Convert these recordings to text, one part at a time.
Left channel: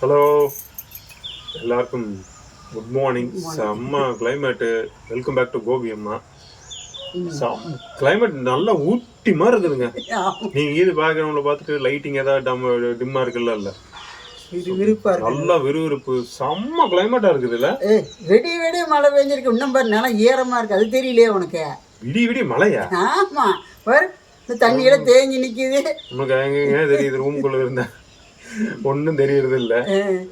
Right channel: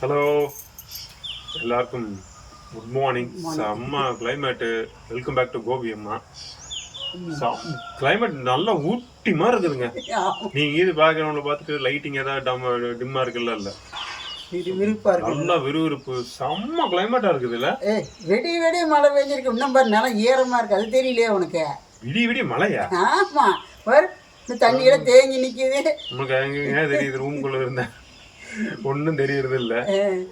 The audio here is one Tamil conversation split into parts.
ஹலோ எல்லாருக்கும் குட் மார்னிங் செம்ம climate welcome back to Gopi அம்மா. கிளைமேட் நல்லா ஊட்டி மாதிரி இருக்குதுங்க. நீங்க இது பேக்ரவுண்ட்ல பார்த்துட்டு லைட்டிங் ஏதாவது டம் டிம்மா இருக்குல்ல இல்ல? நல்லா விறுவிறுப்பு செம்ம கிளைமேட்டா இருக்குதுல்ல? வெடி வெடி மழை பெஞ்சிருக்கு. இன்னும் பாரு நிலம் ஈரமா இருக்கு. அது தெரியலையே உனக்கு. விடி விடி மழையா? ஆமா. பாரு இந்த தண்ணியெல்லாம் தேங்கி நிக்குது. நமக்கு எங்க தெரியுது ரூம்குள்ள இருந்தேன் ஒன்றும் தெரியறது இல்ல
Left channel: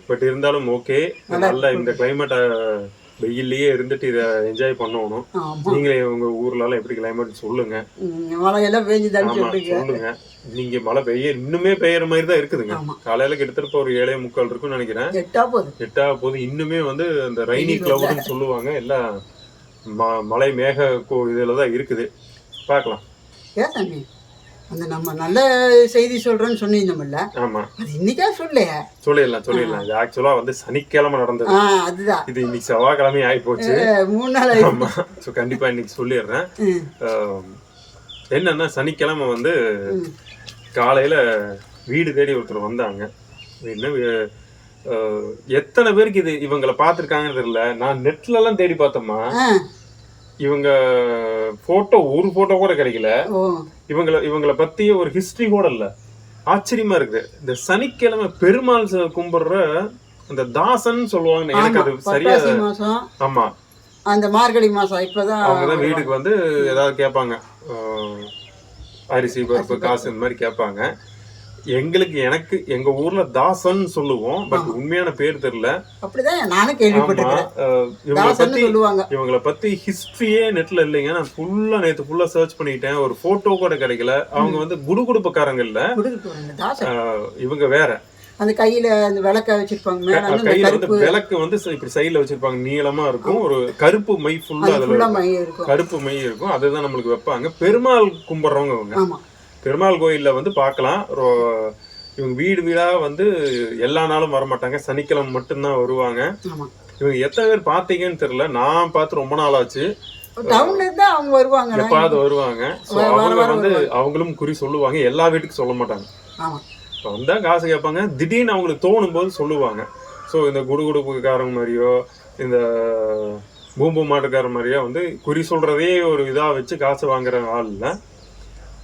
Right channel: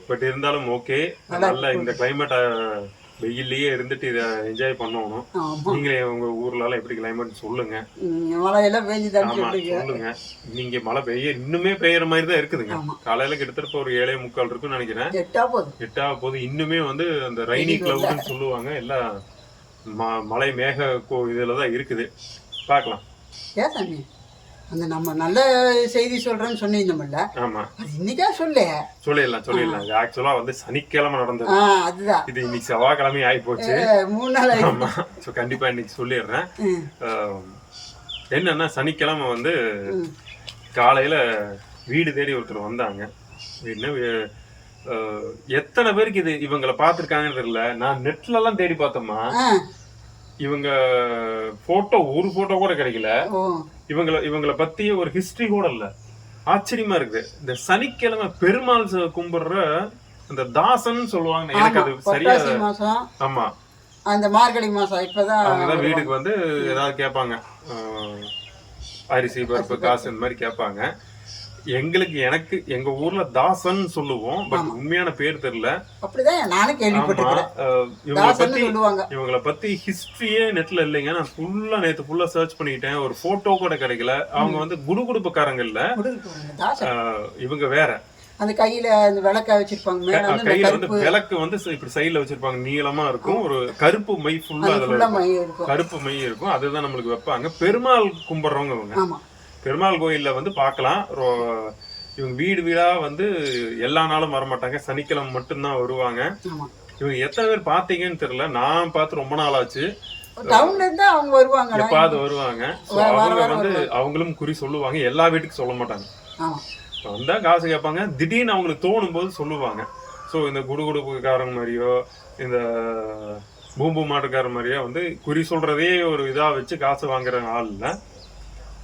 பட் இருந்தாலும் ஓகே நல்லா இந்த கிளைமேட்டை வெயில்லயே இருந்துட்டு இதை என்ஜாய் பண்ணணும். நீங்களே உங்க ஊர்ல எப்படி கிளைமேட் சொல்லுங்க. சொல்லுங்க. நீங்க மழை பெய்ய இன்னுமே பெய்யற மாதிரி தான் இருக்குதுங்க. காலையில கிட்டத்தட்ட ஒரு ஏழே முக்கால் இருக்கும்னு நினைக்கிறேன். எட்டா போகுது. எட்டா இன்னுமே வந்து அந்த ரைனி கிளவுட்னு சொல்லுவாங்க. எல்லாம் ம- மழை மேக கோ இதுல தான் இருக்குது. பார்க்கலாம். ஏன் அந்த நம்ம நல்ல செய்தி சொல்றேன்னு சொன்னீங்கல்ல ஆமா. அது இன்னைக்கா சொல்லு சொல்லிடலாம் சொல்லிடலாம் இது ஆக்சுவலா வந்து சனிக்கிழமை நடந்தது. அதுதான். இது இன்னைக்கு செவ்வாய்க்கிழமை ஆகி போச்சு மூணு நாள். ஆமா. ஸோ கண்டிப்பா இன்னைக்கு சொல்லிடுறேன். என்னன்னா சனிக்கிழமை வந்து. காலையில வீடு தேடி ஒருத்தர் வந்தாங்க. என்ன எத்தனை பேருக்கு இது இவங்களை பார்த்துருக்காங்கன்னு தெரியல. நான் நெட்ல எல்லாம் தேடி பார்த்தோமா இவங்க போட்டோ ஒரு போட்டோ கூட கிடைக்கல. இவங்கள இவங்கள பத்தி ஒரு ஹிஸ்டரி கூட இல்ல. ஆச்சரியமா இருக்குது. இந்த சனிக்கிழமை பெருமாள் கும்பிடுற அந்த தாசன் சொல்லுவாங்க எனக்கு அது சரியா ஆமா. அந்த மார்கழி மாசம் இப்பதான் அவங்கதான் வீட்டுக்கு வந்து ஏதாவது கேட்பாங்க. அரிசி பருப்பு. காசு இந்த மாதிரி கேட்பாங்க. எங்களுக்கு எனக்கு எங்க ஊர்ல தாசன் சொல்லுவோம் பட் உண்மையான பேர் தெரியல. அப்படிதான் நானும் கேள்விப்பட்டிருக்கேன் சொல்லுவாங்க. இவங்கள பத்தி ஹிஸ்டரியே நெட்ல இல்லைங்க. நான் ஃபுல்லா நேத்து ஃபுல்லா சர்ச் பண்ணிட்டேன் ஒரு போட்டோ கூட கிடைக்கல. அவங்க வந்து குடுகுடுப்புக்காரங்க இல்ல. இவங்க வேற. அந்த கையில அந்த விளக்க வச்சிருப்பாங்க கையில வந்து விளக்கு வந்து இப்படி சைடுல வச்சிருப்பாங்க. நீளமா இருக்கும். ஒரு கருப்பு மை ஃபுல்லா அதுல கருப்பு மை இருக்கும். அதுதான் நம்மளுக்கு வைப்பாங்க. பெருமாள் கும்பிடுறவங்க இவங்க. ஆமா. பெருமாள் கோயில்ல வந்து பார்க்கலாம் ரொ- இவங்க வீடு வீடா வந்து எல்லா நாளும் வர மாட்டாங்க சனிக்கிழமை மட்டும்தான் வருவாங்க. இவங்க எத்தனை பேர் பார்த்தீங்கன்னு தெரியல. நான் பார்த்து ரொம்ப நாள் ஆச்சு. டவுன்ல இருந்தா அவங்க வருவாங்க. எப்பாவது வருவாங்க. ஸோ அவங்க வந்து அவங்களும் குறி சொல்லுவாங்க. எல்லா வீட்டுக்கும் சொல்ல மாட்டாங்க. ஆமா. வந்தா காசு கேட்பாங்க. திடீர்னு அவங்களுக்கு தோணும் போது சொல்லுவாங்க. ஸோ இந்த குடுகுடுப்புக்காரங்க மாதிரியோ இந்த பூம்பு மாட்டுக்கார மாதிரியோ வந்து குறி சொல்றதே ஒரு இதா வச்சு காசு வாங்குற ஆள் இல்ல.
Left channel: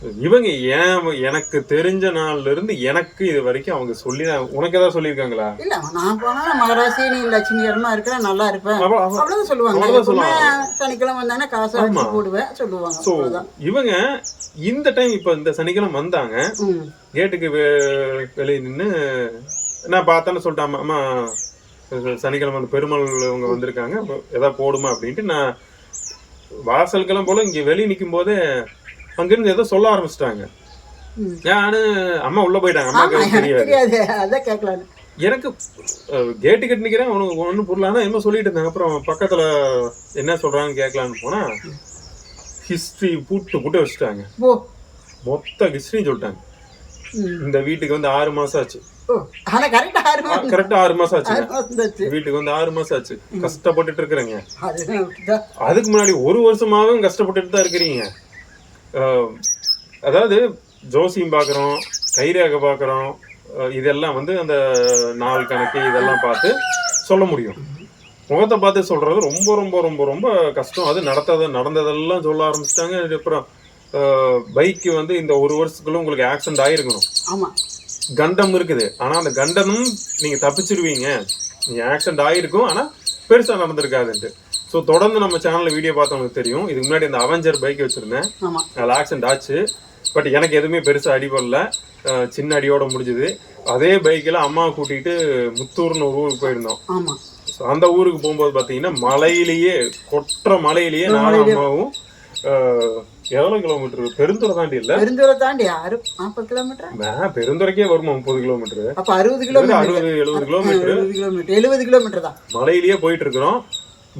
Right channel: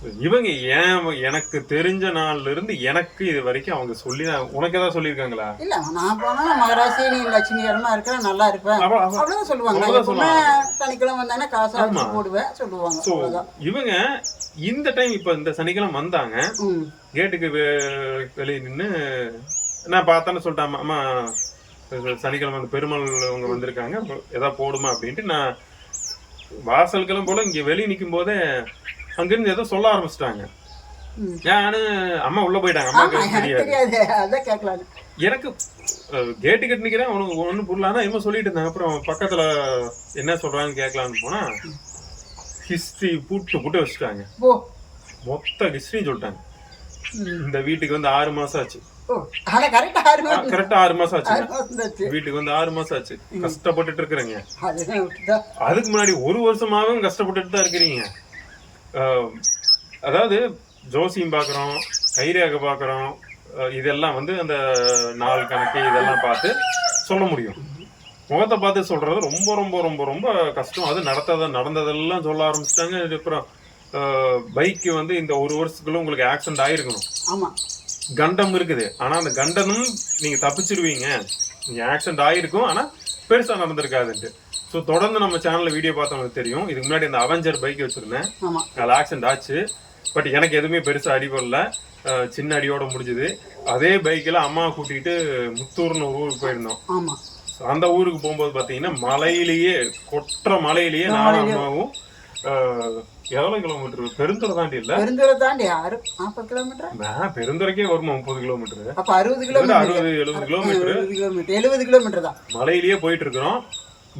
இவங்க ஏன் எனக்கு தெரிஞ்ச நாள்ல இருந்து எனக்கு இது வரைக்கும் அவங்க சொல்லி உனக்கு ஏதாவது சொல்லியிருக்காங்களா? இல்ல நான் போனா மகராசி நீ லட்சுமிகரமா இருக்கிற நல்லா இருப்பேன். அவ- அவ- அவ்வளவுதான் சொல்லுவாங்க. சனிக்கிழமை வந்தானே காசை போடுவேன் சொல்லுவாங்க. அவ்வளவுதான். இவங்க இந்த டைம் இப்ப இந்த சனிக்கிழமை வந்தாங்க. கேட்டுக்கு வெளியே நின்று நான் பார்த்தேன்னு சொல்லிட்டேன் அம்மா சனிக்கிழமை அந்த பெருமாள் அவங்க வந்திருக்காங்க. எதாவது போடுமா? அப்படின்ட்டு நான் வாசலுக்கெல்லாம் போல இங்க வெளியே நிற்கும் போதே அங்கிருந்து ஏதோ சொல்ல ஆரம்பிச்சிட்டாங்க. நானு அம்மா உள்ள போயிட்டாங்க. அம்மாக்கு தெரியாது. தெரியாது. அதான் கேட்கலான்னு எனக்கு கேட்டு கட்டு நிக்கிறேன். உனக்கு ஒன்றும் புரியல. ஆனா என்ன சொல்லிட்டு இருந்தாங்க. அப்புறம் பக்கத்துல என்ன சொல்றாங்கன்னு கேட்கலான்னு போனா ஹிஸ்டரி பூட்டு புட்டு வச்சுட்டாங்க. மொத்த ஹிஸ்டரி சொல்லிட்டாங்க. இந்த வீட்டுக்கு வந்து ஆறு மாசம் ஆச்சு. கரெக்டா ஆறு மாசம். தாச்சு வீட்டுக்கு வந்து ஆறு மாசம் ஆச்சு. கஷ்டப்பட்டுட்டு இருக்கிறேங்க. அதுக்கு முன்னாடி ஒரு வருஷமாவும் கஷ்டப்பட்டுட்டு தான் இருக்கிறீங்க. அதாவது ஜோசியம் பார்க்குறோம் கைரேகை பார்க்குறோம் இதெல்லாம் வந்து அந்த நாள் கணக்கு இதெல்லாம் பார்த்து சொல்ல முடியும். முகத்தை பார்த்து சொல்றது ரொம்ப ரொம்ப ரொம்ப ரொம்ப கஷ்டம். அது நடத்தத நடந்ததெல்லாம் சொல்ல ஆரம்பிச்சிட்டாங்க. அப்புறம் பைக்கு வந்து இந்த ஒரு வருஷத்துக்குள்ள உங்களுக்கு ஆக்சிடென்ட் ஆயிருக்கணும். ஆமா. கண்டம் இருக்குது. ஆனா அந்த கண்டனும் நீங்க தப்பிச்சிருவீங்க. நீங்க ஆக்சிடென்ட் ஆயிருக்கும். ஆனா பெருசா நடந்திருக்காதுன்ட்டு. ஸோ தொடர்ந்து நம்ம சேனல்ல வீடியோ பார்த்தவங்களுக்கு தெரியும். இதுக்கு முன்னாடி அந்த அவெஞ்சர் பைக் வச்சிருந்தேன். அதில் ஆக்சிடென்ட் ஆச்சு. பட் எனக்கு எதுவுமே பெருசா அடிபடல. சின்ன அடியோட முடிஞ்சுது. அதே பைக்கில் அம்மாவை கூட்டிகிட்டு முத்தூர்னு ஒரு ஊருக்கு போயிருந்தோம். அந்த ஊருக்கு போகும்போது பார்த்தீங்கன்னா மலையிலேயே கொற்ற மலையிலேயே நானும் அம்மாவும் எவ்வளவு கிலோமீட்டர் பெருந்துறை தாண்டி இல்ல? பெருந்தூரை தாண்டி நாற்பது கிலோமீட்டர் பெருந்துறைக்கே வருமா முப்பது கிலோமீட்டர் அப்ப அறுபது கிலோமீட்டர் அறுபது எழுபது கிலோமீட்டர் எழுபது கிலோமீட்டர் எழுபது கிலோமீட்டர் தான். மலையிலேயே போயிட்டு இருக்கிறோம்.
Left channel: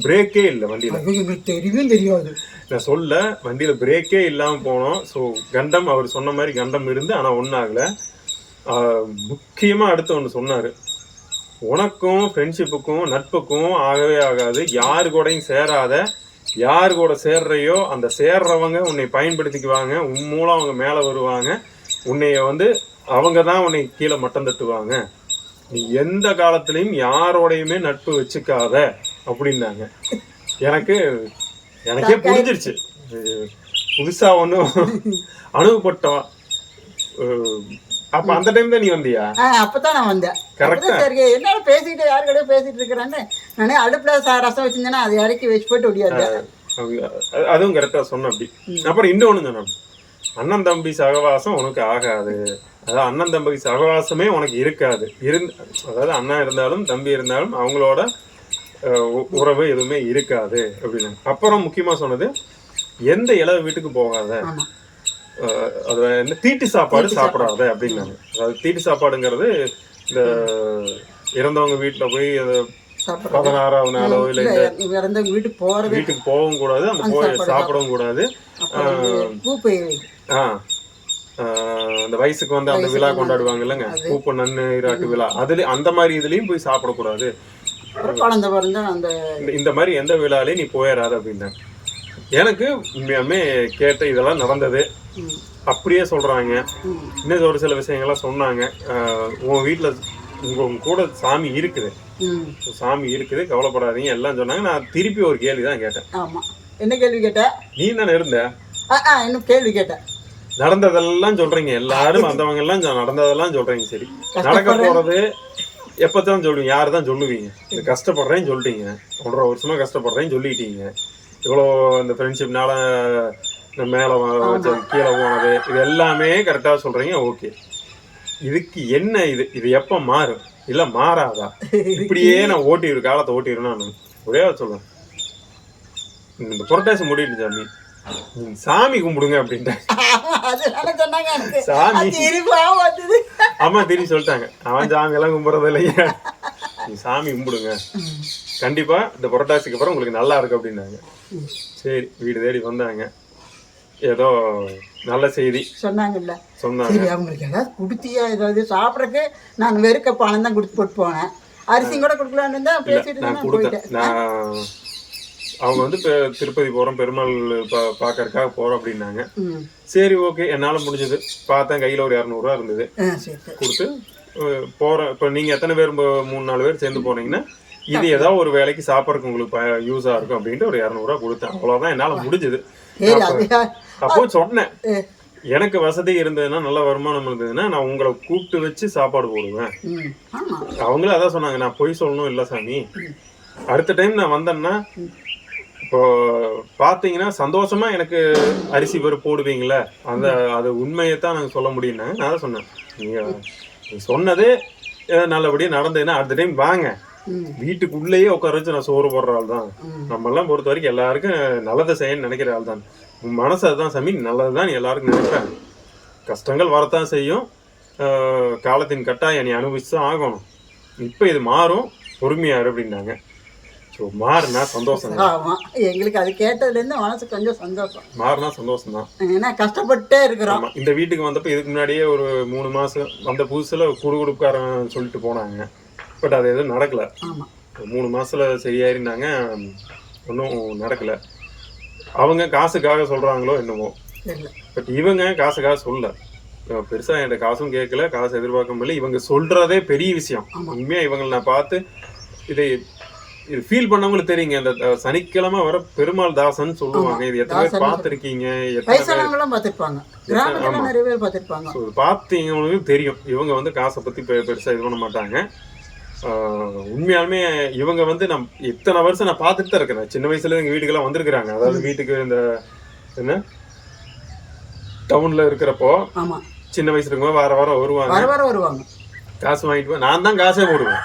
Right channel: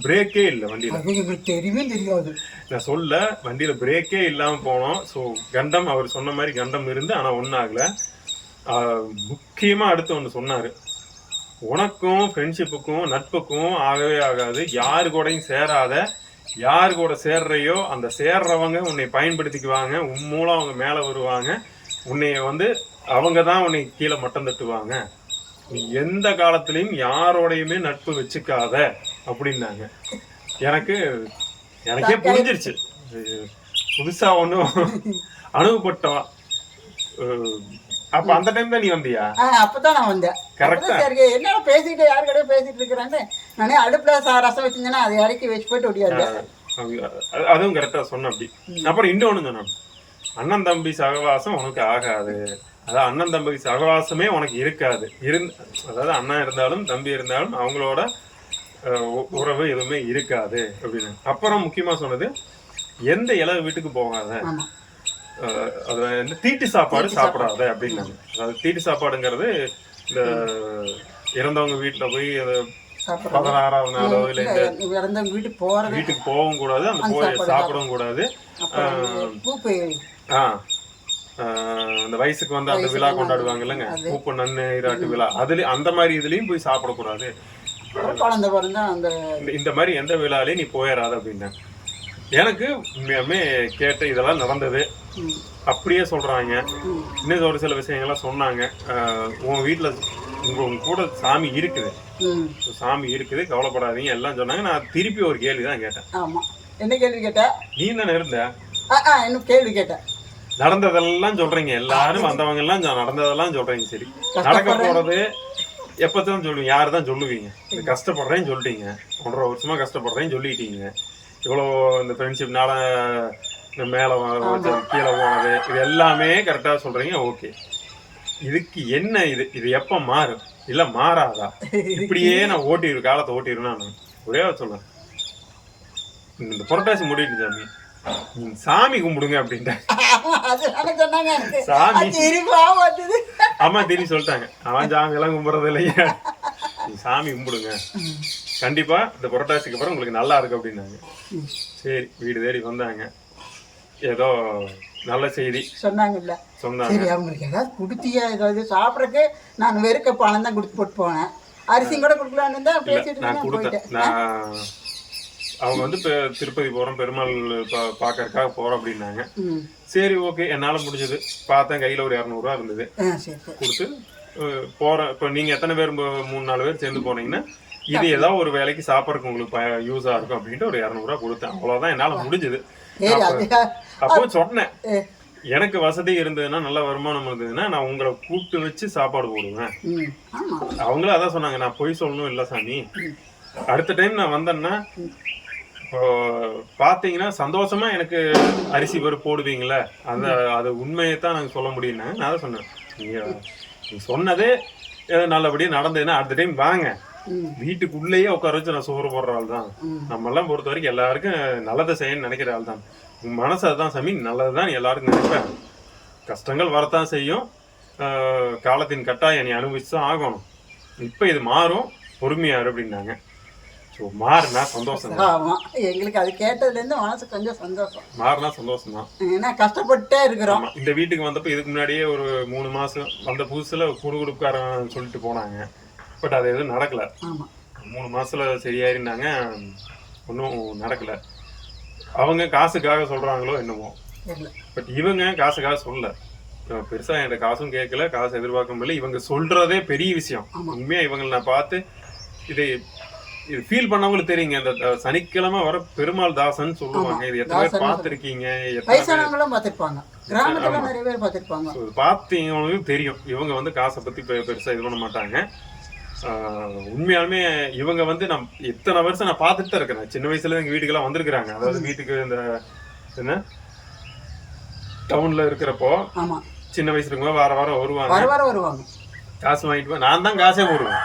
பிரேக்கே இல்லை வண்டியில. தெரியவே தெரியாது. நான் சொல்ல வண்டியில பிரேக்கே இல்லாம போனோம். ஸோ கண்டம் அவர் சொன்ன மாதிரி கண்டம் இருந்து ஆனா ஒன்றும் ஆகல. ஆஹ் முக்கியமா அடுத்து ஒன்று சொன்னாரு. உனக்கும் ஃப்ரெண்ட்ஷிப்புக்கும் நட்புக்கும் ஆகவே ஆகாது. யாரு கூடயும் சேராத. யார் கூட சேர்றையோ அந்த சேர்றவங்க உன்னை பயன்படுத்திக்குவாங்க. உன் மூலம் அவங்க மேலே வருவாங்க. உன்னைய வந்து அவங்க தான் உன்னை கீழே மட்டம் தட்டுவாங்க. நீ எந்த காலத்திலயும் யாரோடையுமே நட்பு வச்சுக்காத. அப்படின்னாங்க. எனக்கு எனக்கே புரிஞ்சிருச்சு. இது புதுசா ஒன்றும் அனுபவப்பட்டோம் அப்ப அந்த டைம் தான் நீ வந்தியா? அப்பதான் நான் வந்தேன். சரி என்ன பேசிட்டு யாரு கூட பேசிட்டு இருக்கிறாங்க நானே அடுப்புல ரசம் வச்சிருந்தேன்னா அதை இறக்கி வச்சு போயிட்டு அது- அதுவும் கரெக்டா சொன்ன அப்படி. அப்புறம் இன்னொன்னு சொன்ன அப்படி. அண்ணன் தம்பி சகவாசம் உனக்கு ஆகாது. அதாவது அண்ணன் தம்பி சகவாசமே உனக்கு இருக்காது. இருந் அதாவது அண்ணன் இருந்தாலும் தம்பி இருந்தாலும் அவங்களோட உறவு எதுவுமே இருக்காது அப்படின்னு. அப்புறம் முக்கியமா சொன்னது எந்த இளவு வீட்டுக்கு போகாத அது வந்து தீட்டு சாப்பாடு சாப்பிடாத அப்படின்னாங்க. அதாவது தீட்டு சாப்பாடுங்கிறது இந்த இறந்தவங்க வீட்டுல போய் அது பதினாறாவது நாளோ இல்ல இந்த வீட்டுக்கு போறது வீட்டுக்கு போகவும் கூடாது அந்த போய் சாப்பிடவும் கூடாது. ஆ ஆஹ் அந்த வயசுக்கு வந்து அந்த விழா கொண்டாடுவாங்க இல்லைங்க பூப்பு நன்னு இராட்டு விழா அதுல அந்த மாதிரி இதுலயும் போய் சாப்பிடக்கூடாது. அப்புறம் குழந்தை பிறந்தா அந்த இந்த- மாதிரி எந்த விழாலையும் நீ போயிடாத அப்படின்னாங்க எனக்கு உண்மையாமே கேட்ட இதெல்லாம் நடந்தது. அப்படியே சொல்றாங்க. ம், இன்னும் ஒரு சில விஷயங்கள்லாம் சொன்னாங்க. உன் வீட்டுல உங்க உங்க கூட சாமி இருக்குது. சாமி இருக்குது கவலைப்படாதீங்க எல்லாம் சொன்னாங்க. நான் திருப்பி ஒரு கேள்வி தான் கேட்டேன். ஆமா. என்ன கேள்வி கேட்ட? நீ தானே இருந்த? இன்னும் கேள்வி கேட்டேன் நடந்ததெல்லாம் சொல்றீங்க. எல்லாரும் வந்தவங்க எல்லாம் நடந்ததெல்லாம் சொல்றீங்க. சரி. நடக்க போறது எப்பதான் சொல்லுவீங்க? யாரு தான் சொல்லுவீங்க? இந்த கஷ்டப்படுறேன்னு சொல்லிட்டீங்க. ஒன்றரை வருஷமா கஷ்டப்படுறேன்னு சொல்லிட்டீங்க. இவ்வளோ இந்த ஃப்ரெண்ட்ஷிப்னால இந்த மேலே கீழே போனது இது எல்லாமே கரெக்டாக சொல்றீங்க ஓகே இதுக்கு என்ன இது? இது எப்போ மாறும்? இல்லை மாறாதா? இப்படியே நான் ஓட்டிடு காலத்தை ஓட்டிடுவேன் நான் ஒரே சொல்றேன். இந்த புரட்டாசி முடிட்டு சாமி. சாமி கும்பிடுங்க எனக்கு சாமி. அம்மா திரும்பி சொல்லிட்டாங்க. அவன் சாமி எல்லாம் கும்பிடுறது இல்லைங்க நீ சாமி கும்பிடுங்க. கண்டிப்பா இந்த புரட்டாசிக்கு அப்புறம் உங்களுக்கு நல்லா இருக்கு அப்படின்னாங்க. சரி வீடு தேடி வந்தாங்க. ஏதோ நல்ல செய்தி. சொன்னாங்கல்ல. சொன்னாங்க. சரி அவங்களுக்கு ஏதாவது கொடுத்தியா? ஏதாவது சாப்பிட்றதுக்கு நான் வெறுக்க பணம் தான் கொடுத்து போட்டு போனேன். அரிசியும் கூட கொடுக்கலான்னு தான் பேசிட்டு நான் கொடுத்தேன். நான் அவங்க வந்து இப்போ திருப்பதி போறோம் பெருமாள் பா பார்க்கறதுக்காக போறோம் அப்படின்னாங்க. சரி ஓகே. என்னால முடிஞ்சது. பார்த்தேன் கையில ஒரு இரநூறுவா இருந்தது. கொடுத்து போறேன் இப்போ நீங்க எத்தனை பேர் மூணு நாலு பேர் சேர்ந்து போனீங்கன்னா இது ஏதாவது ஒரு வேலைக்கு சாப்பிட்றதுக்கு உங்களுக்கு யூஸா இருக்கும் அப்படின்ட்டு ஒரு இரநூறுவா கொடுத்தேன். அவ்வளவுதான். என்னால முடிஞ்சது. அப்போ சொன்னேன். எனக்கு வசதி இருந்ததுன்னா நல்ல வருமானம் இருந்ததுன்னா நான் உங்களை கூப்பிட்டு வச்சு சாப்பாடு போடுவேன். அவங்களும் அதான் சொன்னாங்க. நான் பொய் சொல்லணும் இல்லை சாமி. அடுத்த டைம் நான் வந்தேன்னா இப்போ பார்த்தீங்கன்னா சந்தோஷமா எனக்கு அரிசி பேர் போடுவீங்களே அந்த அது உண்மையை தான் நாங்கள் சொல்ல முடியும்னாங்க நான் தான் சொன்னேன். நீங்க நீ சொன்னது ஏதோ நல்லபடியாக நடந்ததுன்னா அடுத்த டைம் வாங்க. வீட்டுக்குள்ளேயே உட்கார வச்சு நான் சோறு போடுற ஆள் தான். நம்ம எல்லாம் பொறுத்த வரைக்கும் எல்லாருக்கும் நல்லதை செய்யணும்னு நினைக்கிற ஆள் தான். உன் மனசு அதுதான் சாமி நல்லது தான் எல்லாருக்கும் நினைப்பேன். கஷ்டங்கள் வரத்தான் செய்யும். காலத்தின் கட்டாயம் நீ அனுபவிச்சு தான் ஆகணும். இப்போ இது மாறும். பொறுமையாரு அப்படின்னாங்க. ஸோ மாறுனா சந்தோஷம் தான் ஆமா. எங்களுக்கு அது கேட்டதுலேருந்து மனசு கொஞ்சம் சந்தோஷம். மாறுனா சந்தோஷம் தான். ஏன்னா கஷ்டப்பட்டே இருக்கிறோம். இந்த வீட்டுக்கு வந்தப்போ இதுக்கு முன்னாடியே ஒரு மூணு மாசம் வந்த புதுசுல குடுகுடுப்புக்காரன் சொல்லிட்டு போனாங்க. பட் அது எதுவும் நடக்கல. ஆமா. மூணு மாசத்துல சரியாயிருந்தாங்க. ஒன்றும் நடக்கல. அவங்க காசுக்காக சொல்றாங்களோ என்னமோ. பட் இவங்க காசுக்காக சொல்ல இவன் பெருசா என்கிட்ட காசும் கேட்கல காசு எதிர்பார்க்க முடியல இவங்க சொல்றதே பெரிய விஷயம். உண்மையா இவங்களை நான் பார்த்து இதை இது ஃபீல் பண்ணவங்களுக்கு தெரியுங்க. அந்த அஹ், சனிக்கிழமை வர பெருமாள் தாசன் சொல்லுவாங்க. இது எத்தனை பேர் பார்த்துருக்கீங்க? வயசானவங்களும் பார்த்துருப்பாங்க. கிராமத்துல நிறைய பேர் பார்த்துருப்பாங்க. ஸோ பார்த்தீங்களுக்கு தெரியும். இவங்க வந்து காசை பத்தி பெ- பெருசா இது பண்ண மாட்டாங்க. உண்மையாலுமே இவங்க வந்து நம் இத்தனை வருஷம் நான் பார்த்துட்டு தான் இருக்கிறேன். சின்ன வயசுல எங்க வீட்டுக்கெல்லாம் வந்திருக்கிறாங்க. அதாவது வீட்டுக்கு இந்த என்ன? டவுன்ல இருக்கிறப்போ சின்ன வயசுல இருக்கும்போது வார வாரம் வருவாங்க. வர வர வருவாங்க. காசு வாங்கிட்டு நான் தான் காசே போடுவேன்.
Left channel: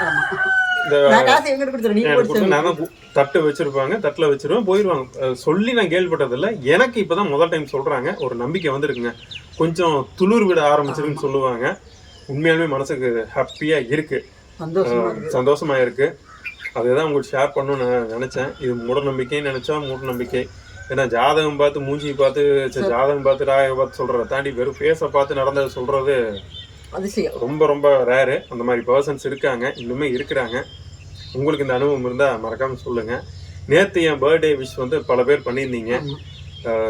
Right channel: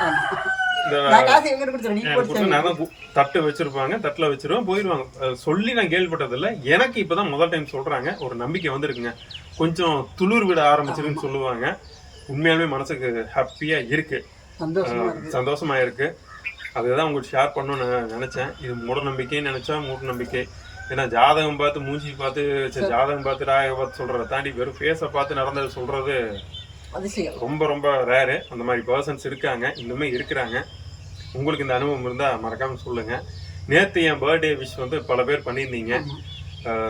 தட்டு வச்சிருப்பாங்க தட்டுல வச்சிருவேன் போயிருவாங்க. சொல்லி நான் கேள்விப்பட்டதில்ல. எனக்கு இப்பதான் முதல் டைம் சொல்றாங்க ஒரு நம்பிக்கை வந்திருக்குங்க. கொஞ்சம் துளிர் விட ஆரம்பிச்சிருக்குன்னு சொல்லுவாங்க. உண்மையாலுமே மனசுக்கு ஹாப்பியா இருக்கு. சந்தோஷமா இருக்கு. அதுதான் உங்களுக்கு ஷேர் பண்ணணும்னு நான் நினைச்சேன். இது மூட நம்பிக்கைன்னு நினைச்சா மூட நம்பிக்கை. ஏன்னா ஜாதகம் பார்த்து மூஞ்சி பார்த்து ஜாதகம் பார்த்து ராக பார்த்து சொல்றதை தாண்டி வெறும் ஃபேஸை பார்த்து நடந்ததை சொல்றது அதிசயம் ரொம்ப ரொம்ப ரேரு அந்த மாதிரி பர்சன்ஸ் இருக்காங்க. இன்னுமே இருக்கிறாங்க. உங்களுக்கு இந்த அனுபவம் இருந்தா மறக்காம சொல்லுங்க. நேத்து என் பர்த்டே விஷ் வந்து பல பேர் பண்ணியிருந்தீங்க.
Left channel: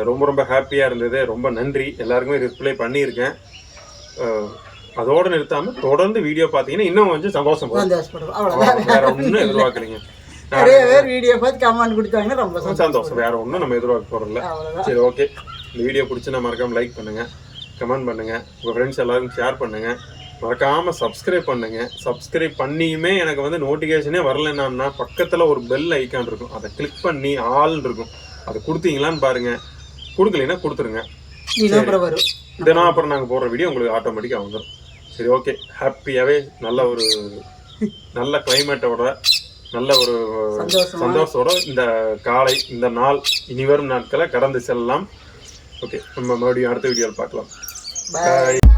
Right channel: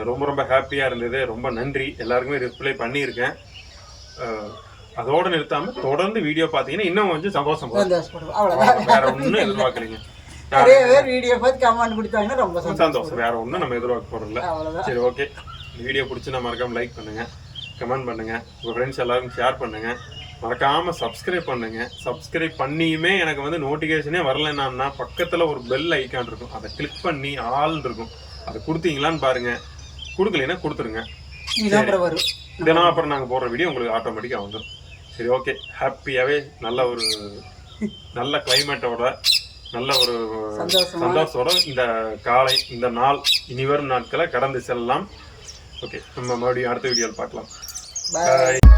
ரொம்ப ரொம்ப ஹாப்பியா இருந்தது. ரொம்ப நன்றி. எல்லாருக்குமே ரிப்ளை பண்ணியிருக்கேன். அதோட நிறுத்தாம தொடர்ந்து வீடியோ பார்த்தீங்கன்னா இன்னும் கொஞ்சம் சந்தோஷம் வேற ஒன்றும் எதிர்பார்க்கலைங்க. நிறைய பேர் வீடியோ பார்த்து கமெண்ட் கொடுத்தாங்கன்னா ரொம்ப சந்தோஷம். வேற ஒன்றும் நம்ம எதிர்பார்க்க அவ்வளோதான் சரி ஓகே இந்த வீடியோ பிடிச்சுன்னா மறக்காம லைக் பண்ணுங்க. கமெண்ட் பண்ணுங்க. உங்க ஃப்ரெண்ட்ஸ் எல்லாருக்கும் ஷேர் பண்ணுங்க. மறக்காம சப்ஸ்கிரைப் பண்ணுங்க. சப்ஸ்கிரைப் பண்ணியுமே எனக்கு வந்து நோட்டிஃபிகேஷனே வரலன்னா பக்கத்துல ஒரு பெல் ஐக்கான் இருக்கும். அதை கிளிக் பண்ணி ஆல் இருக்கும். அதை கொடுத்தீங்களான்னு பாருங்க. கொடுக்கலைன்னா கொடுத்துருங்க. தினம் அப்புறம் நாங்கள் போடுற வீடியோ உங்களுக்கு ஆட்டோமேட்டிக்காக வந்துடும் சரி ஓகே ஹாப்பியாகவே நல்ல ஒரு நல்ல கிளைமேட்டோட நல்ல ஒரு. சந்தோஷத்தோட இந்த காலை இந்த நாள் இனி வரும் நாட்களை கடந்து செல்லலாம். ஓகே நம்ம மறுபடியும் அடுத்த வீடியோவில் பார்க்கலாம். Bye. Bye.